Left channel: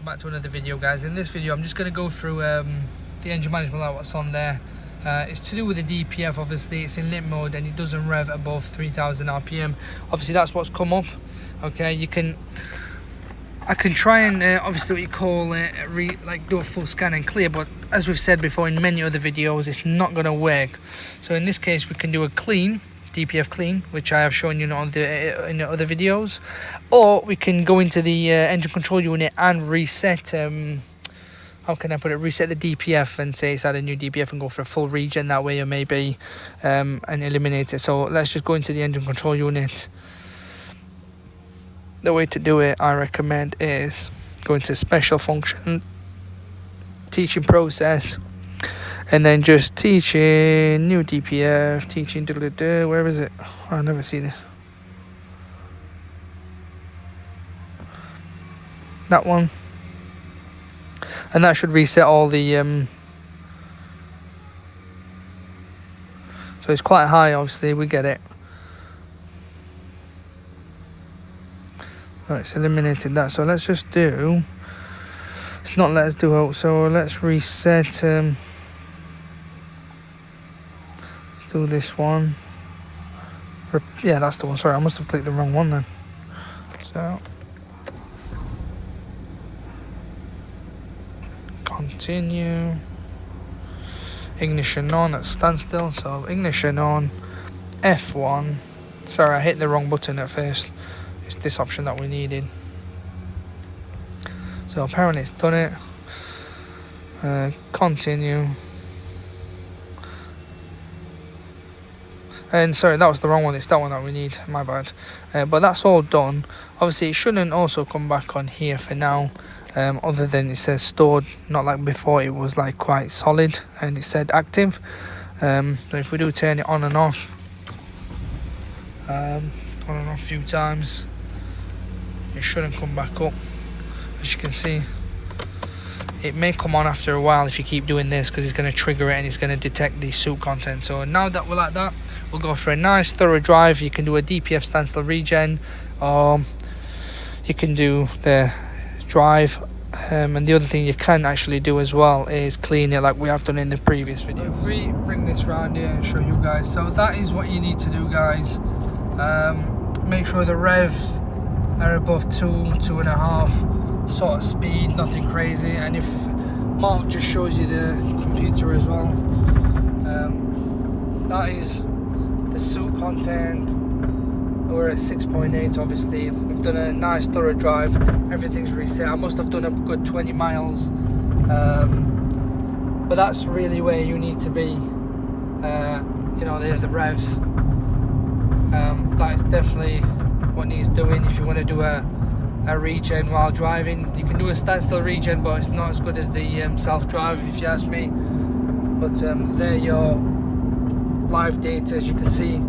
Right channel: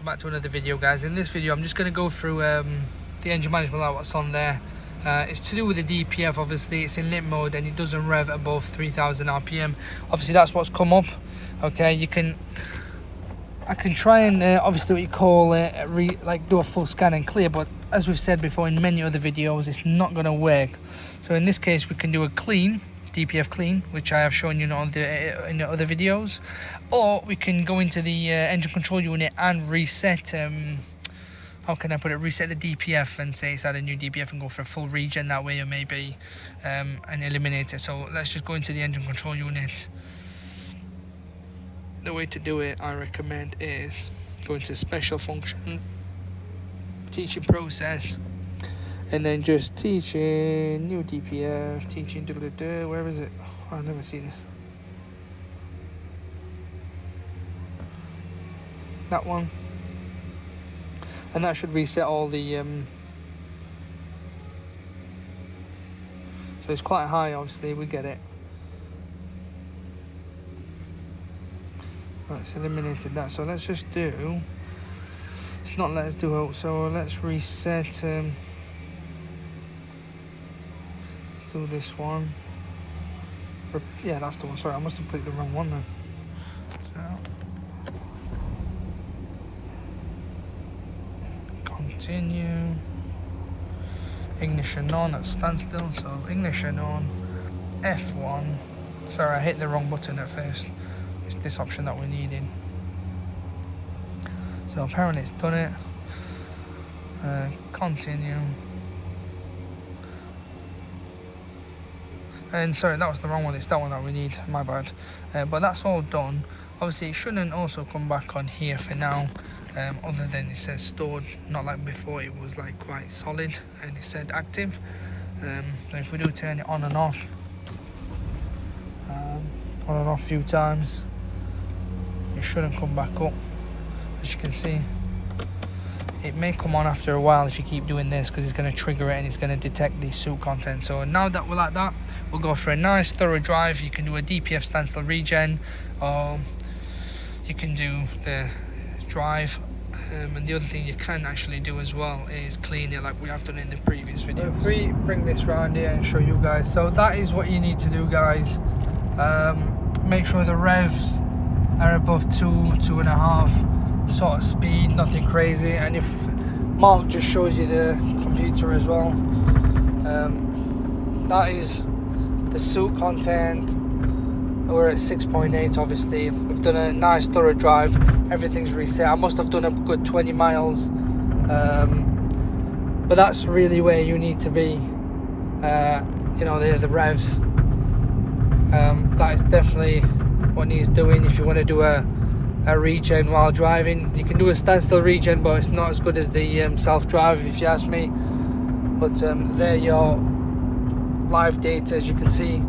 welcome back to another video, guys. In this video I'm just going to go through the engine management light, what's on there. It's to do with the DPF. Obviously it's in limp mode and it doesn't rev above 3000 rpm. Obviously that's what's come up. Okay, I can try and obviously what you call like do a full scan and clear, but as we've said before in many other videos, it's not going to work. So in this case we can do a clean DPF clean, which I have shown you on in the other videos, or we can go into the engine control unit and reset how can I put it, reset the DPF and say it's at a new DPF and go for a full regen that way, or maybe and eliminate it. So let's just go into the engine control unit. The way to do it, I recommend, is go into special function, teaching process, and then just teaching new DPF, teaching where is it? Oh, I never see this. That one. And that should reset all the so it's quite high, obviously, we get it. Right, it's eliminated that. So let's just do, it's not let us do it, so let's reset do this one. Yeah, that's the one. Sorry, I must have clicked the wrong one then. So continue, ignition on at standstill. So ignition on, F1. Sorry, I hit the wrong button at first. It's this option that we needed. So apparently it's done it. Continue. And sorry, that was the wrong one. It's that one that we need, my bad. But that's all done. Obviously it shouldn't also come back on here for now, other than it says stored, not like before. It was like quite solid and it said active. So if we do turn it on and off a few times, it shouldn't come back up. As you can see, it may come on after a while if you keep doing this, because it's going to trigger it and it's going to detect the soot content. So now that we're like that, we'll go for a nice thorough drive. You can do a DPF standstill regen, or you can do the drive, and the other thing you can actually do as well is clean it, like we have done in the previous video. If we bring this round here and show you guys, so that is what you need to do, guys. Make sure the revs are above 2.5 sort of speed, nothing crazy. And if Mark just shows you the computer as well, that is the soot content. We're at 6.8. obviously. We've done a nice thorough drive, everything's reset. I must have done a good 20 miles, but that's really where you need to be. You know, the revs, that is definitely what needs doing. If you want to do a regen while driving, you can do a standstill regen, but it's not as good as the self-drive, if you ask me. But there your live data, as you can see,